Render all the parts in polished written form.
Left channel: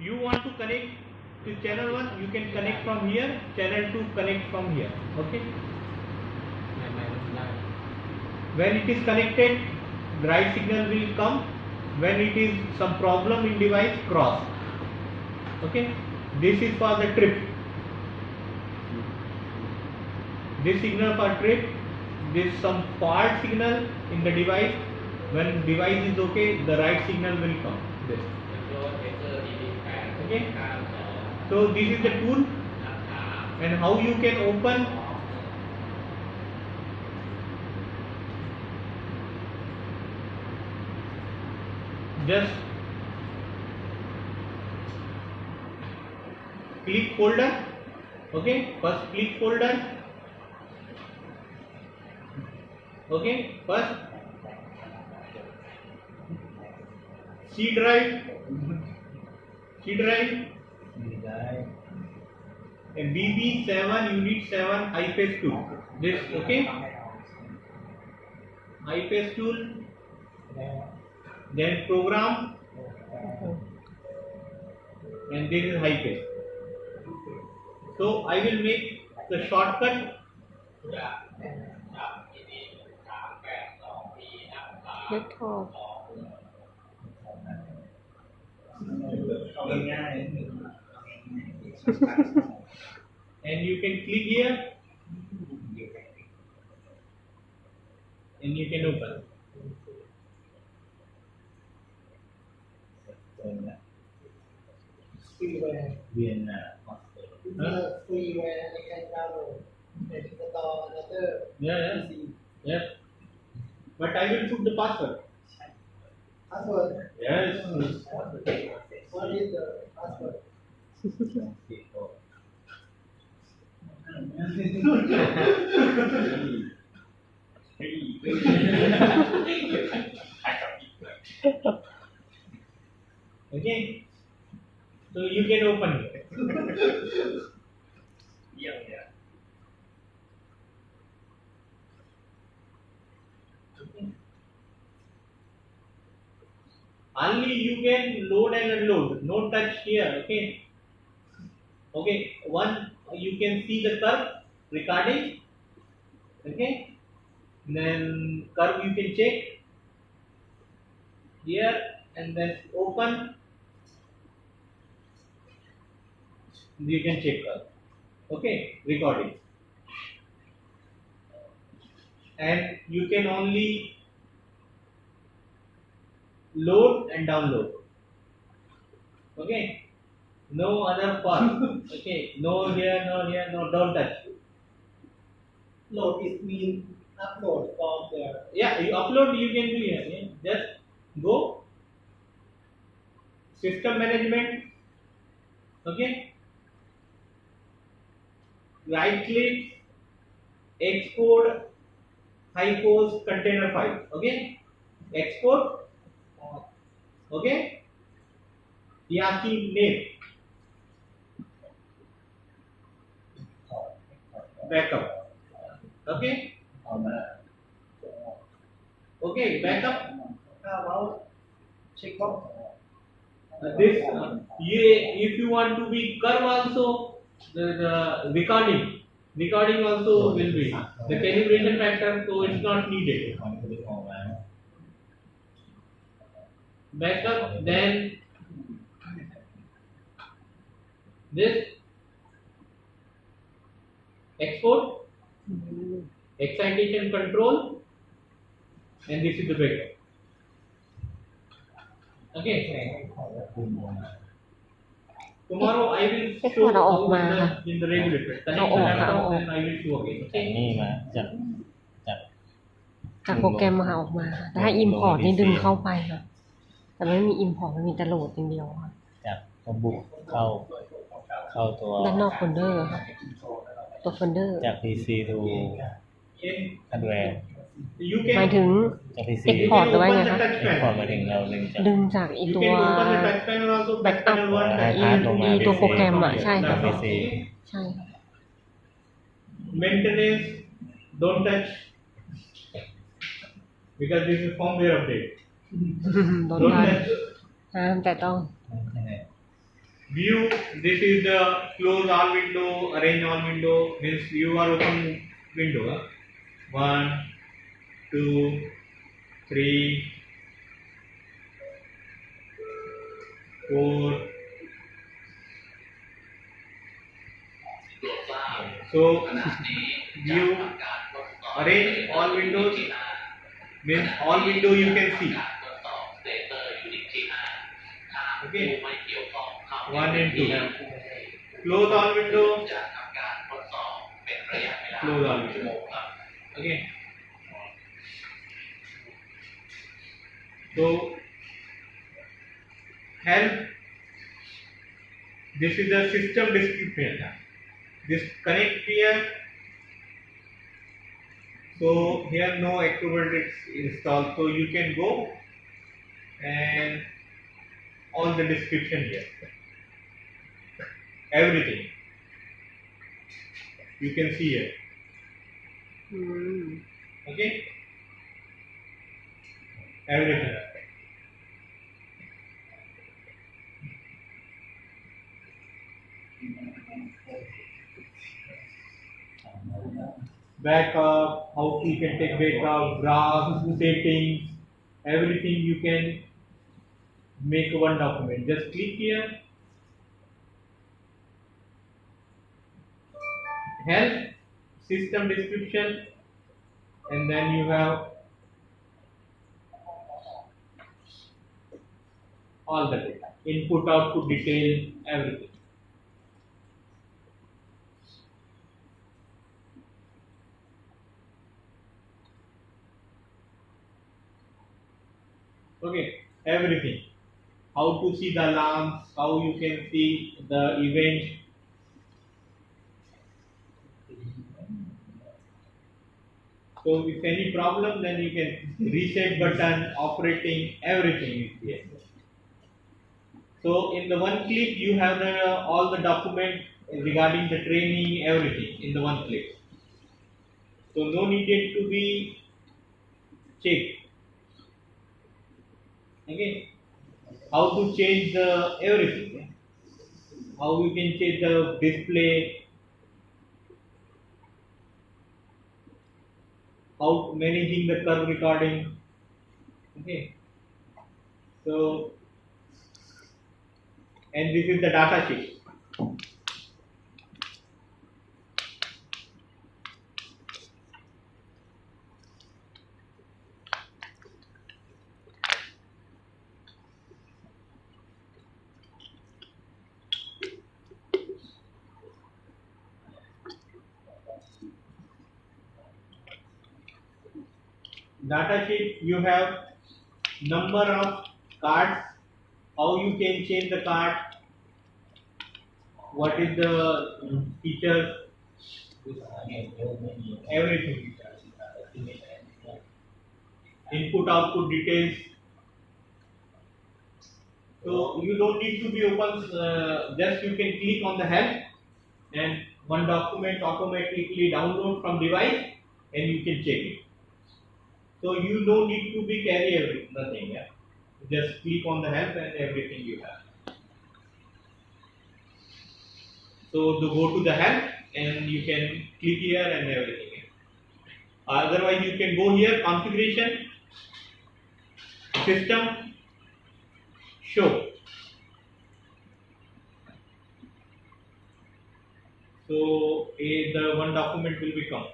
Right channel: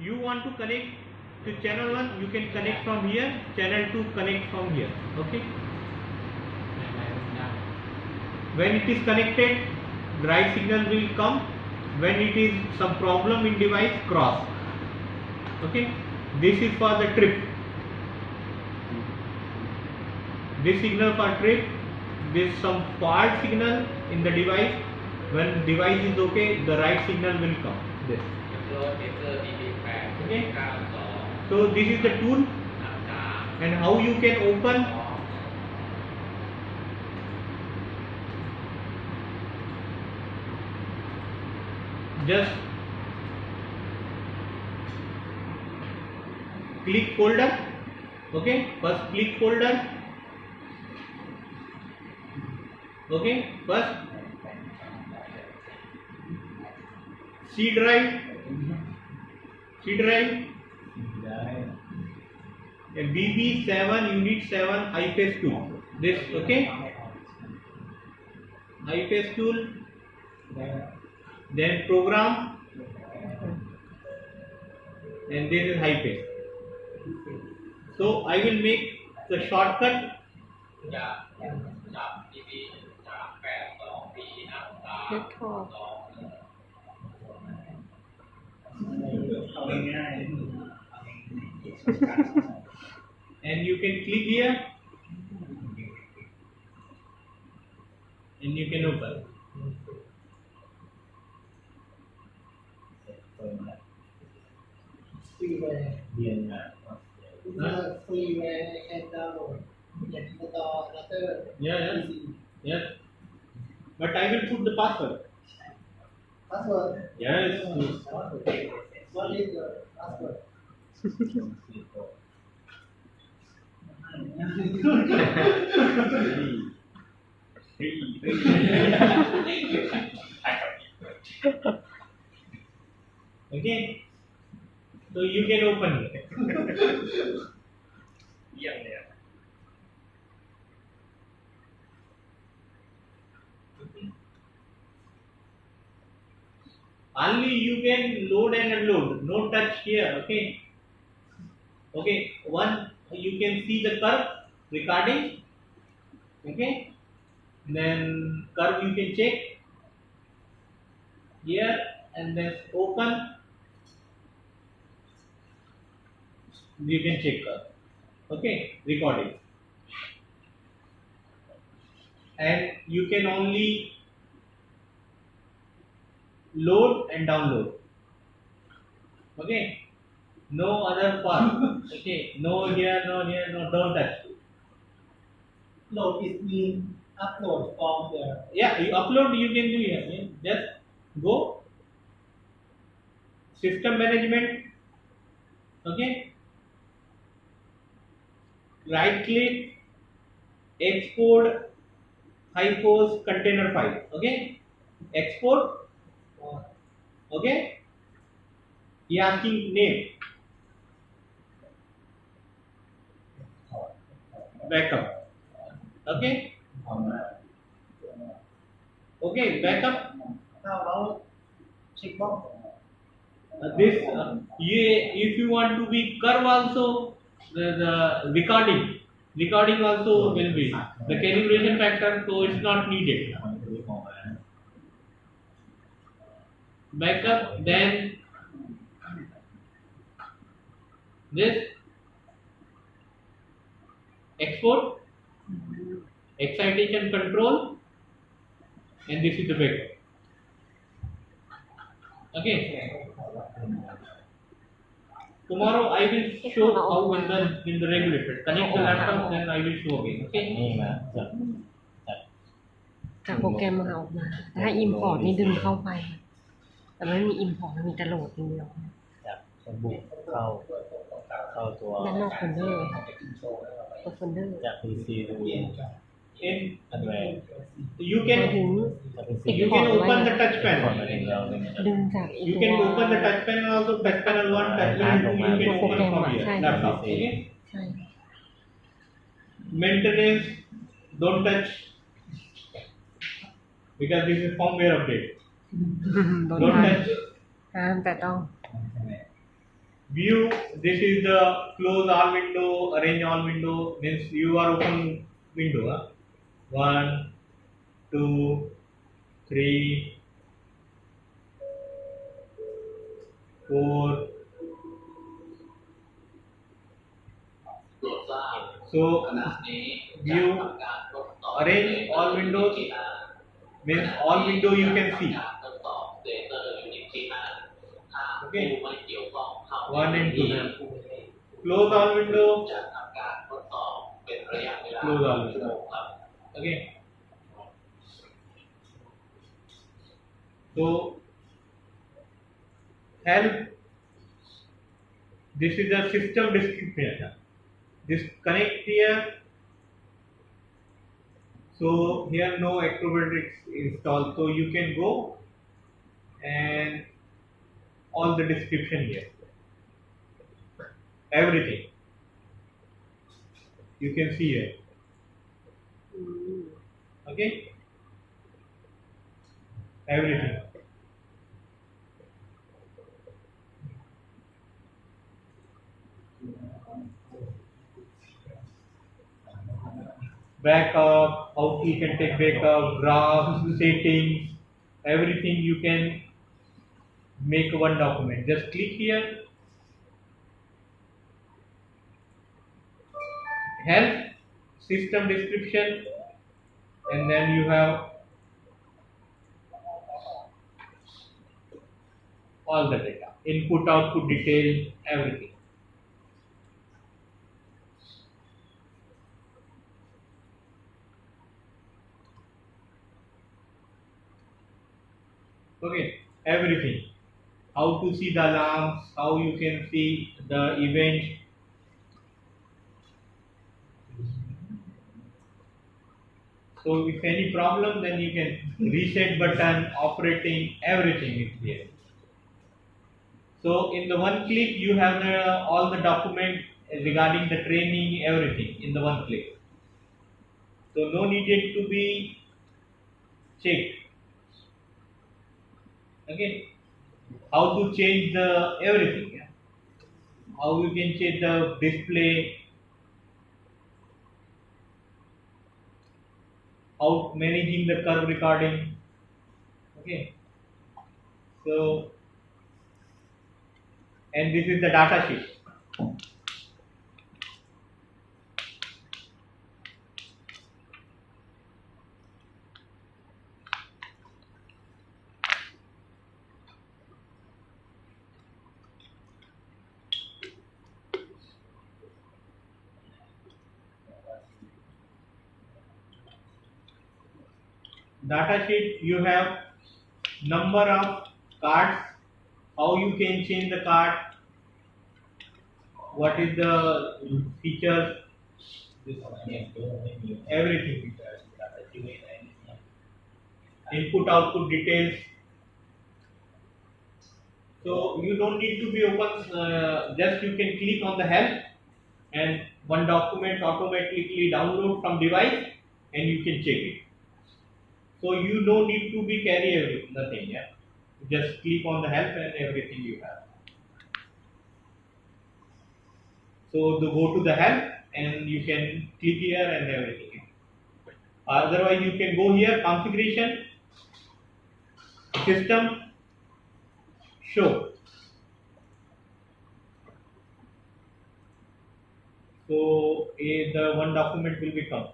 you want to connect to channel 1, you can connect from here, channel 2 connect from here. Okay, when it is connected, the right signal will come. When it is some problem in device, cross. Okay, this is for the trip. This signal for trip, this some fault signal in the device. When device is okay, the right signal will come. This. Okay. So this is the tool, and how you can open. Just click folder. Okay, first click folder. Okay, first C drive, and BB7 unit 7 IPS tool. This, okay, IPS tool, then program, and this is IPS. So I will make the shortcut. And you can click here, and you can open. Freeware. Freeware I can download. Then install another Yeah. PC. Yes. But I will put the password. Password. Yes. What is the password? Okay. So you can open it. Only you can load and unload. No touch here. Okay. Okay. One, you can see the curve recording. Okay. Then curve you can check here, and then open. You can check curve. Okay. Recording. And you can only load and download. Okay, no other part. Okay, no here, no, don't touch. Load is mean upload from the Yeah, you upload, you can do here. Yeah. Just go system management. Okay, right click, export HighForce container file. Okay, export. Okay, he asking name, backup. Okay, okay, backup. how about checkbox? This if you want to be curve also, the recording also will be the calibration factor, so it's not needed. Backup, then this export, excitation control, and this is the backup. Okay. Tomorrow I will show how in the regulator. Connect the laptop, then I will show again. จาก Okay. นี่มาจากจาก จากโปรแกรมมาเอาออกมา แต่ถ้า import นี่ดึงเข้าไปค่ะ แต่มันไม่มี import มันมีแต่โหลดอย่างเดียวค่ะ จากสบุกเข้าตัว ด้านนอกโฟลเดอร์ค่ะ ตัวโฟลเดอร์ จาก PC ดู In อันแวน you หมาย can ถึง จาก PC Export you can หรือว่า open ไง the คะ touch พอ panel. มาถึงเราเล่นจาก ดึงจากไอ You ตัว can open the touch panel also. Back panel one. Íตัวโปรแกรมอะใช่ค่ะ PC ใช่ค่ะ Maintenance, don't touch because this is firmware update. โดน Don't ทัน touch. ห้ามแต่ต้อง View, this is the close all window, arrange all window, means you are open window. 1, 2, 3, 4. ตรวจทราบ So ขณะนี้จะ view ทำการทดสอบ arrange all windows means all window you can see. การทดสอบสเตเตอร์ยูนิตที่5ถ้า Okay. ผู้ไม่เกี่ยวข้องเข้า 1 and ที่ 2. Close all window. จะทำการทดสอบเป็นระยะเวลา Close all ชั่วโมงครับ Okay. So help. This is the system description. This connect here. So here no Acrobat installed. So you can go and all the description here. Everything. You can see here. อืม Okay. Everything. Backup, how you can take backup, graphs, settings, everything you can make one document. Just click here. Help, system description, and then you have all the data, input, output, detail, everything. Okay, everything. How to see the alarms, how you can see the event. So if any problem, then you can reset button, operating, everything is here. So in the one click, you have all the document regarding the training, everything in the one click. So no needed to be checked. Okay, how to change the everything? Yeah? How you can change the display? How managing the curve recording? Okay, so and this is the data sheet. Data sheet, you have number of cards, how you can change the card, what is the features, everything, input output details. So you don't need to be open, just you can click on the help and one document automatically download from device and you can check it. So you don't need to be carry everything, nothing, yeah. Just click on the help and everything you have. So to go to the help and you can click here and everything. Yeah. Otherwise you can go here, configuration, system, show. So the one document will become.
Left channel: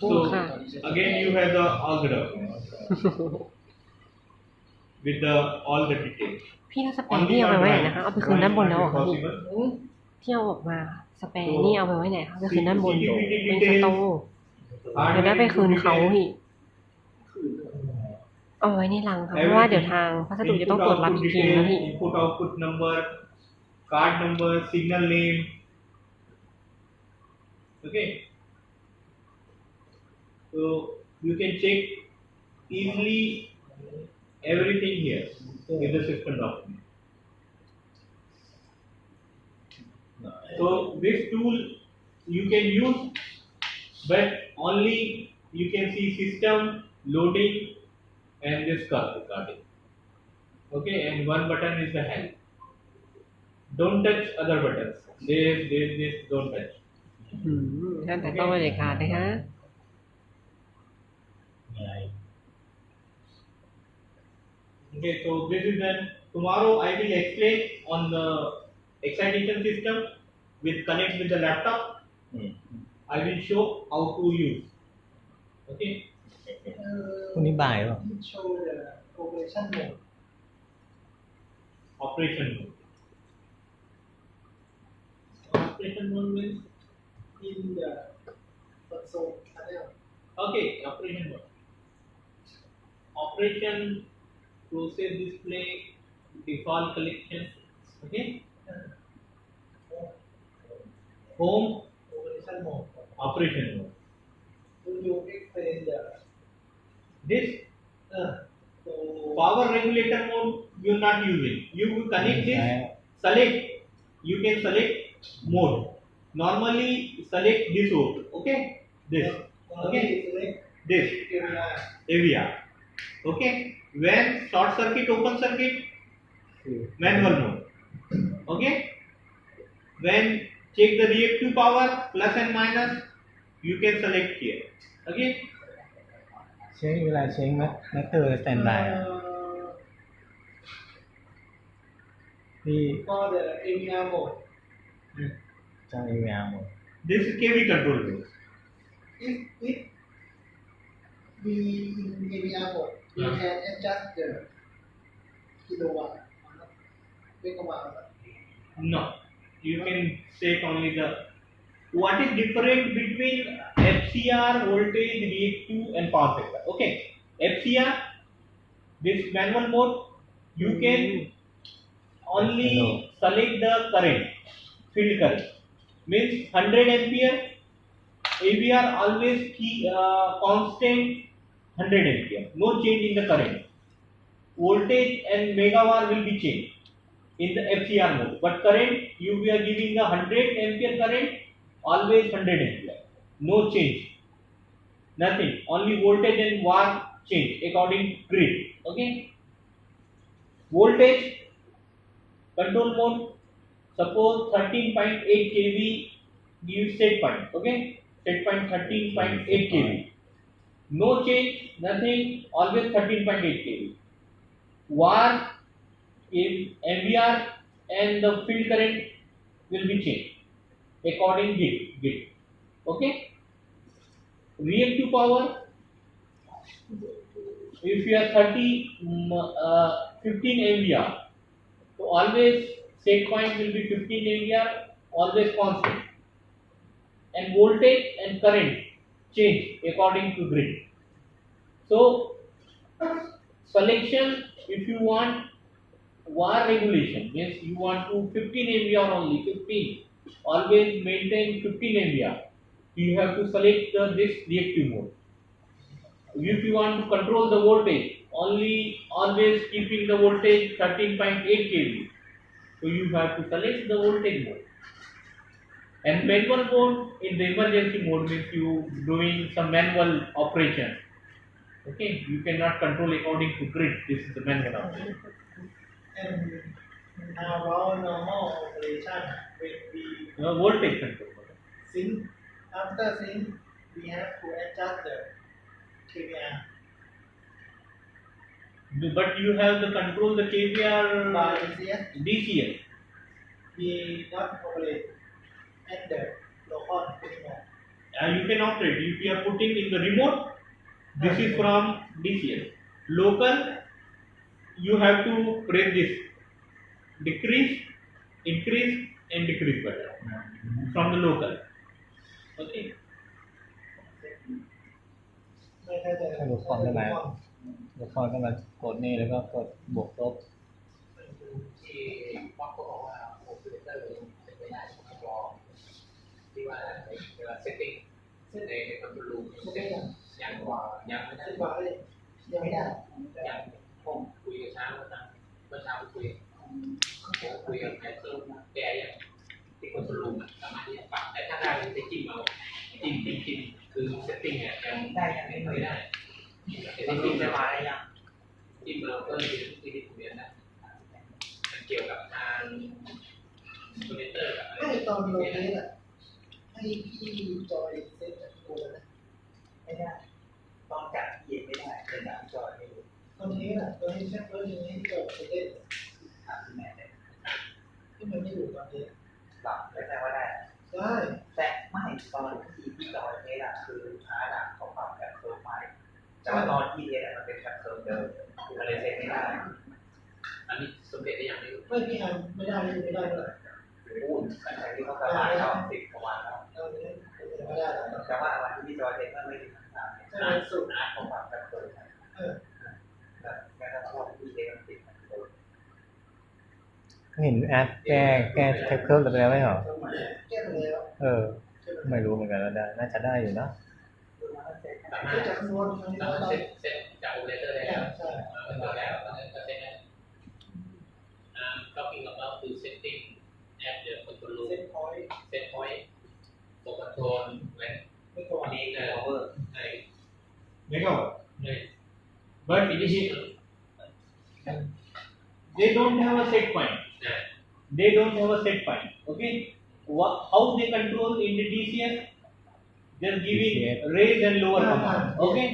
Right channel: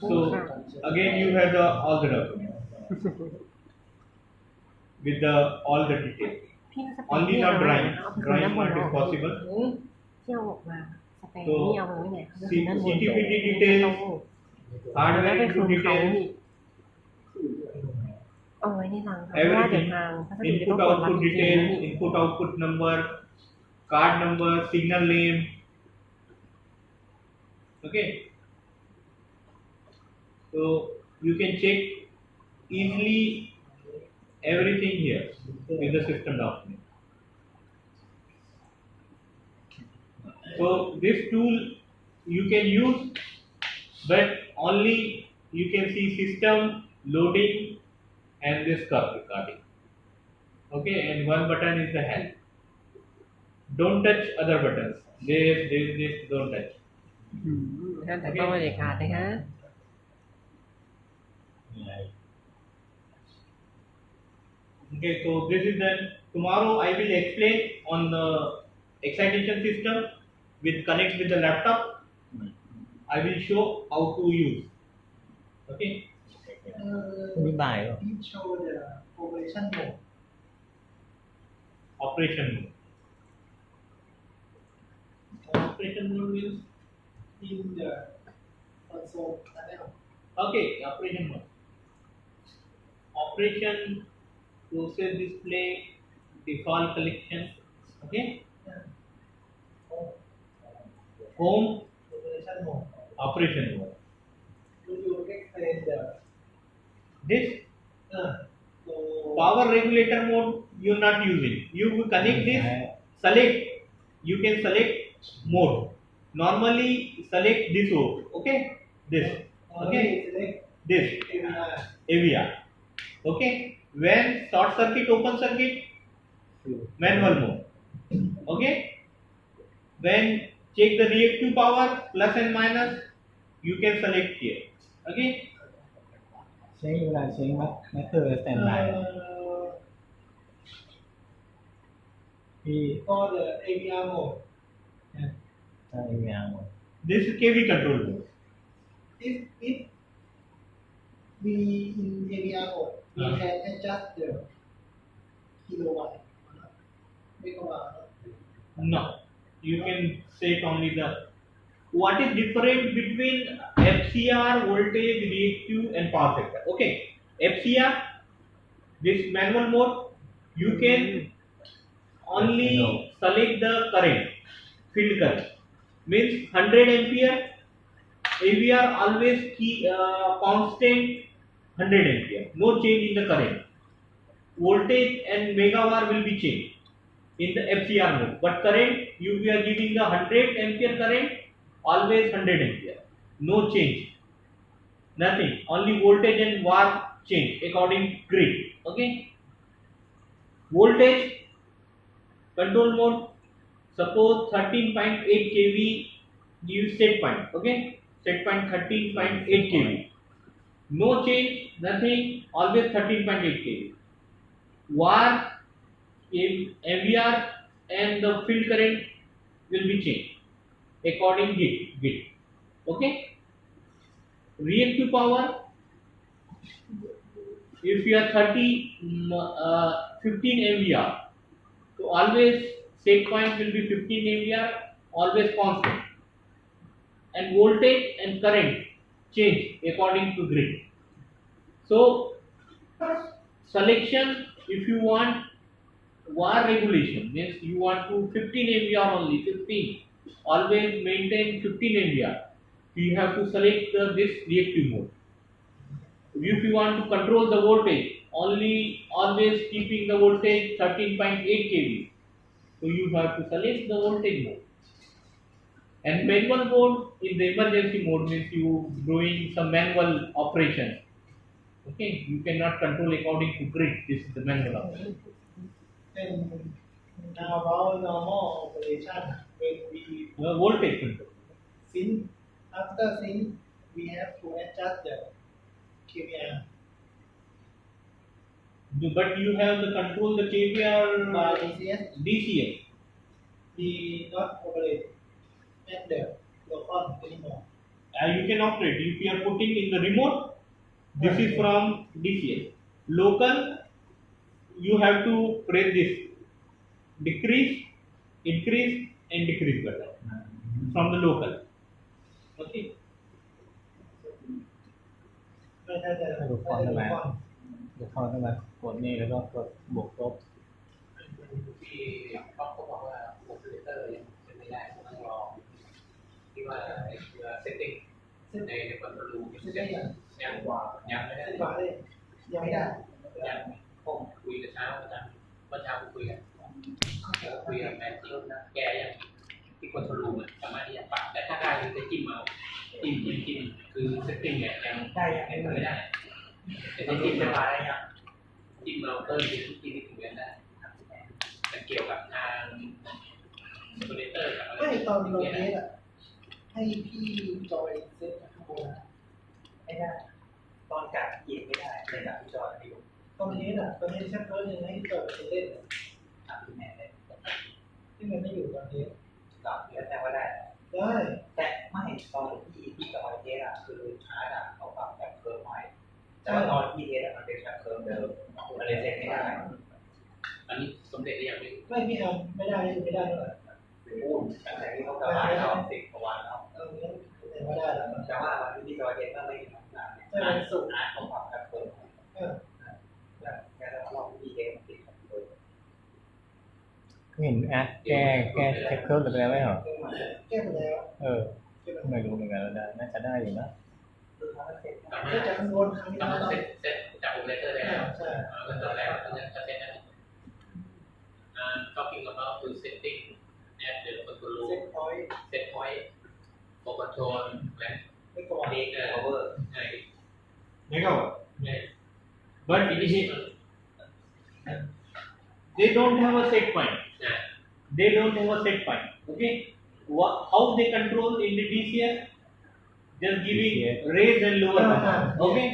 So again you have all the documents with all the details. พี่เอาสเปรย์นี่เอาไปไว้ไหนนะคะเอาไปคืนด้านบนแล้วเหรอคะ possible. ที่เอาออกมาสเปรย์นี่เอาไปไว้ไหนคะก็คือด้านบน CCTV ในส details, โต๊ะเดี๋ยวได้ไปคืนเขา details, อีกเอาไว้ในรังค่ะเพราะว่าเดี๋ยวทางพัสดุจะต้อง input ตรวจรับ output อีกทีนึง details, พี่ input output number, card number, signal name. Okay. So you can check easily everything here with the system document. So this tool you can use, but only you can see system, loading, and this curve recording. Okay, and one button is the help. Don't touch other buttons. This don't touch. ท่านแต่ต้องไม่เด็ดขาดนะคะ ไง Okay, so this is then tomorrow I will explain on the excitation system with connect with the laptop. อืม I will show how to use. Okay, พรุ่งนี้บ่ายป่ะ Please show the operation mode operation mode. Operation mode means in the console panel. okay. Operation mode. Operation process display default collection. Okay. Home Operation mode. operation mode. Do you explain the This so power regulator mode you're not using. You connect this, select. You can select mode. Normally select this mode. Okay. This. okay select This. area AVR. Okay. When short circuit, open circuit, manual mode. Okay. When check the reactive power plus and minus, you can select here. Okay. เช็คเวลาเช็คนักเตอร์สแตนบาย พี่ for the AVR mode. จอ AVR หมด This is KV control mode. If we in AVR mode, we can adjust the kilowatt, megawatt. No, you can set only the. What is different between FCR, voltage, reactive, and power factor? Okay, FCR, this manual mode, you can only select the current, field current, means 100 ampere. AVR always keep constant 100 ampere, no change in the current. Voltage and megavar will be changed in the FCR mode, but current you are giving the 100 ampere current, always 100 ampere, no change, nothing, only voltage and var change according grid. Okay, voltage control mode, suppose 13.8 kV give set point. Okay, set point 13.8 kV, no change, nothing, always 13.8 kV. Var in MVR and the field current will be changed according grid. Okay, reactive power, if you are 15 MVR, so always set point will be 15 MVR, always constant, and voltage and current change according to grid. So selection, if you want var regulation, means you want to 15 MVR only, 15, always maintain 15 MVR, you have to select this reactive mode. If you want to control the voltage, only always keeping the voltage 13.8 kV, so you have to select the voltage mode. And manual mode, in the emergency mode, means you doing some manual operation. Okay, you cannot control according to grid. This is the manual operation. And how about normal operation when we Voltage control. sync? After sync, we have to adjust the KVR. But you have the control the KVR By DCS, DCS. we not operate at the local anymore. You can operate. If you are putting in the remote, this is from DCS. Local, you have to press this decrease, increase, and decrease button from the local. Okay. ไม่ใช่แต่ ดูฟอนต์ได้ไหมดูฟอนต์ก็มากดนี่แล้วก็กดบวกลบ ที่ป๊อกก็บอกว่าโอเปอเรเตอร์ยังเป็นไม่ได้ต้องรอที่ว่าในเซตติ้งในคอนโทรลรูมยังกว่ายังไม่ได้ สิบบาทเลยยังไม่ได้ ยังผมคุยกับเช้าอาจารย์เมื่อเช้าคุยกับแม่ที่แกยัง ที่คอนโทรลรูมสามารถที่จะปรับแต่ถ้าได้คือไปจิ้มเอาจิ้มคือเซตติ้งเนี่ยยัง ได้ยัง ไม่ได้แต่ ตอน ที่ นี้ จิ้ม จะ จะ มา มา ได้ยัง จิ้มเอาเพิ่มที่ที่เรียนได้มันเกี่ยวกับทางคอมพิวเตอร์กับอะไร ไม่ตอนโรเทสอ่ะให้พี่จอยเซตจากข้างบนนะไม่ได้ ตอนกัดเหยียบไม่ได้แต่กัดพี่จอยไม่รู้ตอนเทสอ่ะตอนเทสแค่เพิ่มยังให้พี่จอยไปเล่นอ่ะคือแม่ได้ที่มันไม่อยู่ตอนเทสหลับแล้วแต่ว่าได้ได้แต่ไม่ตอนที่จอยเทสอ่ะคือชาร์จอ่ะเขาปรับแบบเคิร์ฟใหม่แต่ว่าตอนที่เทสอ่ะมันเป็นแบบเคิร์ฟเดิมมันเลยเซ็ตไม่ได้ อันนี้สมเด็จได้ยังไม่รู้ ไม่พี่แอมไม่ได้ไม่ได้เลย พูดแต่ที่เขาสบายชอบ10 กว่าวันแล้ว เราไม่ได้ไม่ได้แล้ว แต่ว่าวันที่พี่จอยเทสก็ไม่ถึงขนาดนี้ ใช่วันศุกร์ อาร์ตของฝั่งกันเปิด เออ แล้วแม้กระทั่งรอบที่พี่เทสมันติดกันเปิด เห็นแอดแก้เทคเคิร์ฟไปแล้วไม่เหรอ แก้ไปแล้ว เออ ไม่รู้เหมือนกันว่าได้น่าจะได้อยู่นะ สามาร ก็ ถ จะคำนวณครั้งนี้ สามารถ เรา เซตจากโอเปอเรเตอร์ได้แล้ว ใช่ ก็เจอแล้วตอนนี้ก็เซตได้talking about to setting at the control เซ็ room ตพอยต์ set point for control และ ไม่ก่อน อันนี้ cover ใน megawatt. ใน But they don't have a set point. นะ They don't have a set point. Okay. How they control in the DCS? Just giving DCS. raise and lower Yeah, command. yeah. Okay.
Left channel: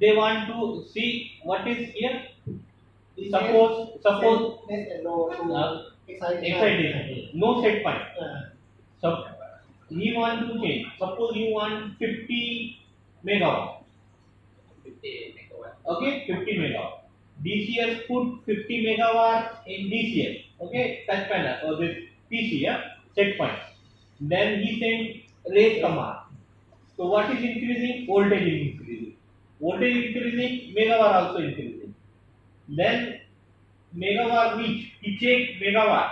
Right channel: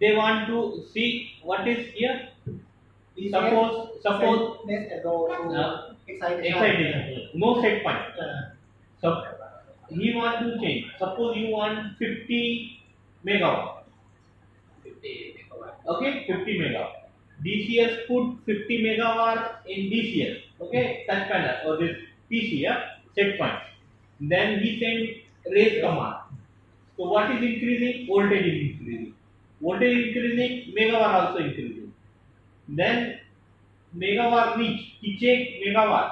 They want to see what is here. Suppose net and low excitation excitation. No set point. เออ So he want to change. Suppose you want 50 megawatt. 50 เมกะวัตต์ Okay, 50 megawatt. DCS put 50 megawatt in DCS. Okay, touch panel or this PC, yeah, set point. Then he send raise command. So what is increasing? Voltage is increasing. Voltage increasing, megawatt also increasing. Then megawatt reach. He check megawatt.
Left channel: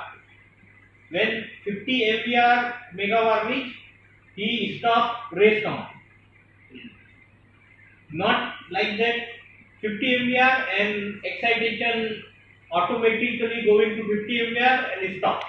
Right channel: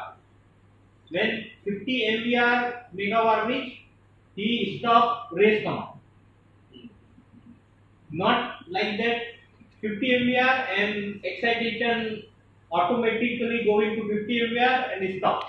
When 50 MVR megawatt reach, he stop raise command. Not like that 50 MVR and excitation automatically going to 50 MVR and stop.